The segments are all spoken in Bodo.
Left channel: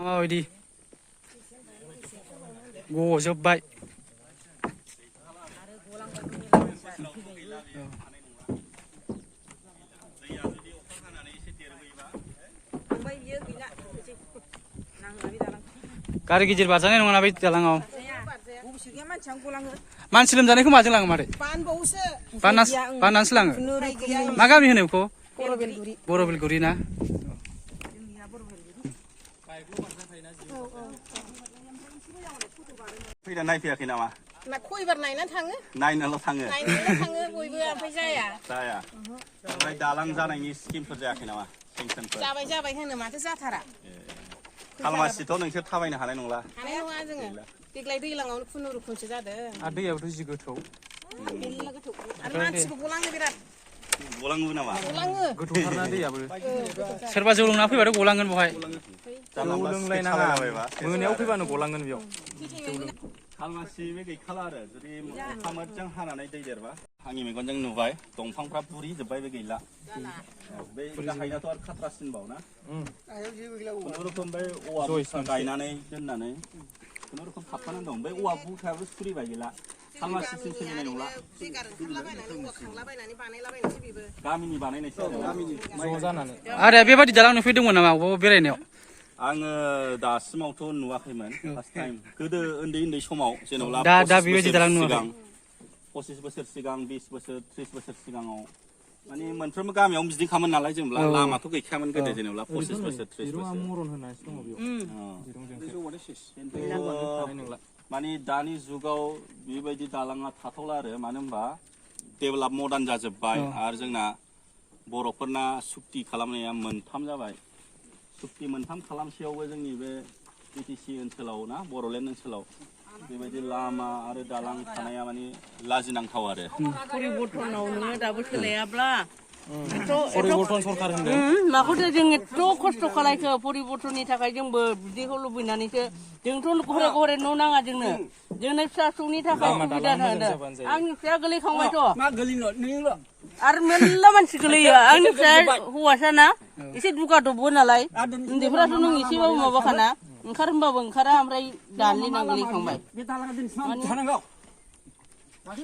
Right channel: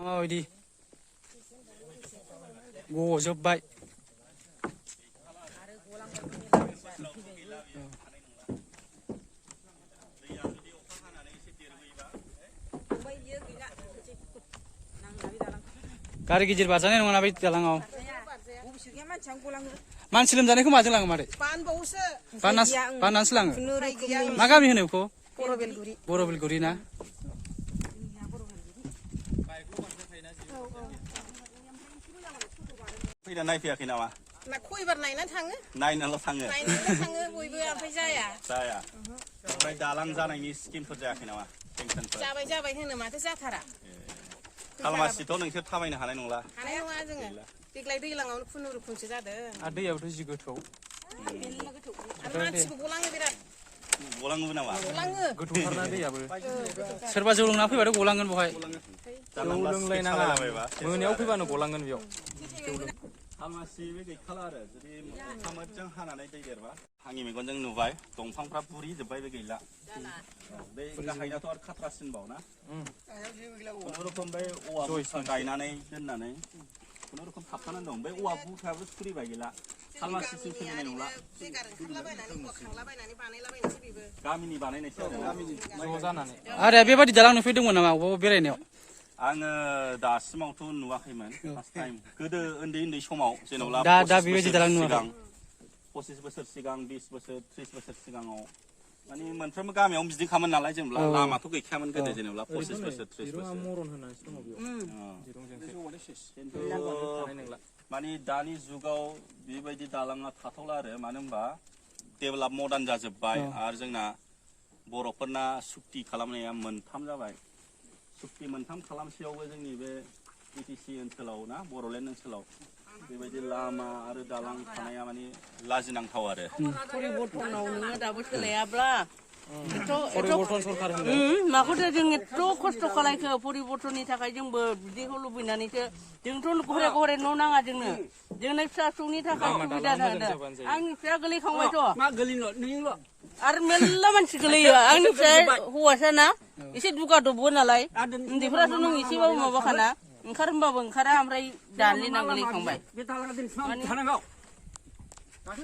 माबायदि गजोब्बाय गारि गिदिर बारजानाय नङाना बे दालाङाव मानसि लोमजानायखौ माजों लाङो मादै बाननानैसो लाङो मा गामि होनो बेखौ बरबिलगुरि ना फैना नायफैयाखै नामा खयबार नायनानै थाङो नायनानैल' थाङो बयबो ओमफ्राय जाया ओमफ्राय दालां जानायनि स्किमफोर जायाखै नामा जाबाय होनो माथो जाथारा खालमासिथ' नोंसोर थाबायनो हानाय नंला जोङो देग्लाय दैलाङावनो खुनुरुखुमसो जादों आरो दैयाबोथ' जि गोथौ आरो मानसिबो गलाङो बिराद गलाङोबो नामा गोथौथारना दैयाबो सोरबा जौ लोंना फैबाथ' गलांगोन बहाय मोनायाव फैबानो गलांगोन बेयाव खालमासि बे गैखाला आरो जुदि अखा मोजां हानानै दै देरबा आंनि मेगनजों नुबाय दंफांफ्रा बुरि जोब्बाय बे गैला बे गाहायनाथ' आरो खाथ्रासिनबाव ना खुनुरुखुम बे औवा बुरखा गायनानै दोननानै खुनुरुखुम थाबथानानै दं बे औवा बुरखायाबो सुरिबाय गैला खालमासिसिम सोलिनाय नंला गामिनि बानायनायसो आरो बेबादि दालां नुफैदोंमोन नामा अबावबा बेरायनायाव आङो दासिमावथ' नुवाखैमोन फार्स्ट टाइम गोदो उन्दै समाव जेनेबा दा बेबायदि दालां नुवाखै 25 बोसोर सिगां 20 बोसोर 30 बोसोर सिगाङाव माने मोनफ्रोमबो गामियावनो बिदिखामोन नालाय जेनेबा लामाथ' गैखायामोन गोदो जेनेबा 25 बोसोर 30 बोसोर माने दानि जुगाव बेबायदि दालाङा थाथावला आरो मानो होनबा डेभेलप मडार्न जाजोब्बाय आरो जोंना बर'फोरना सुक्ति खालामनाया मोनथाम जाबाय सुक्ति मोनथाम खालामसेयावबो जोंनि बे बिटिसि ओनसोलाव ना बर'लेण्ड ओनसोलाव बेबायदि लामा आरो दालां थानाया माने लाजिनांथाव आरो परिबर्तनाव नोङो दाबो सोलायाब्ला परिबर्तन सरखार होनदों माखौथो जों एथ' खस्थ' खालायखो परिबर्तननि थाखाय जोंबो बिदिखौ लुबैनानैसो जोंथ' घरे घरे न' नाङा जोंनो जोंनि फिसा फिसौनि थाखाय सुबिदा होदों आंनि फिसाया गोलैखांबायथ' आरो मेरला मानसि गोलैयो आंनि फिसाया हौवासाना एसे दुगा दबो नालाय उन्दैफोराथ' नों एसेबाबो माबाखाना ओंखार होनबाबो ओंखारा ओमफ्राय दानलिना गोलैखांबाय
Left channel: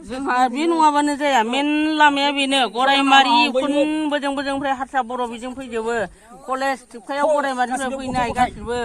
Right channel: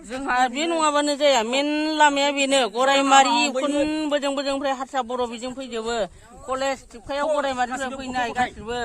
जोंहा बे नङाबानो जाया मेन लामाया बेनो गरायमारि बोजोंनिफ्राय हारसा बर' बिजों फैजोबो कलेज थिपकायाव गरायमारिनिफ्राय फैनाय गासिबो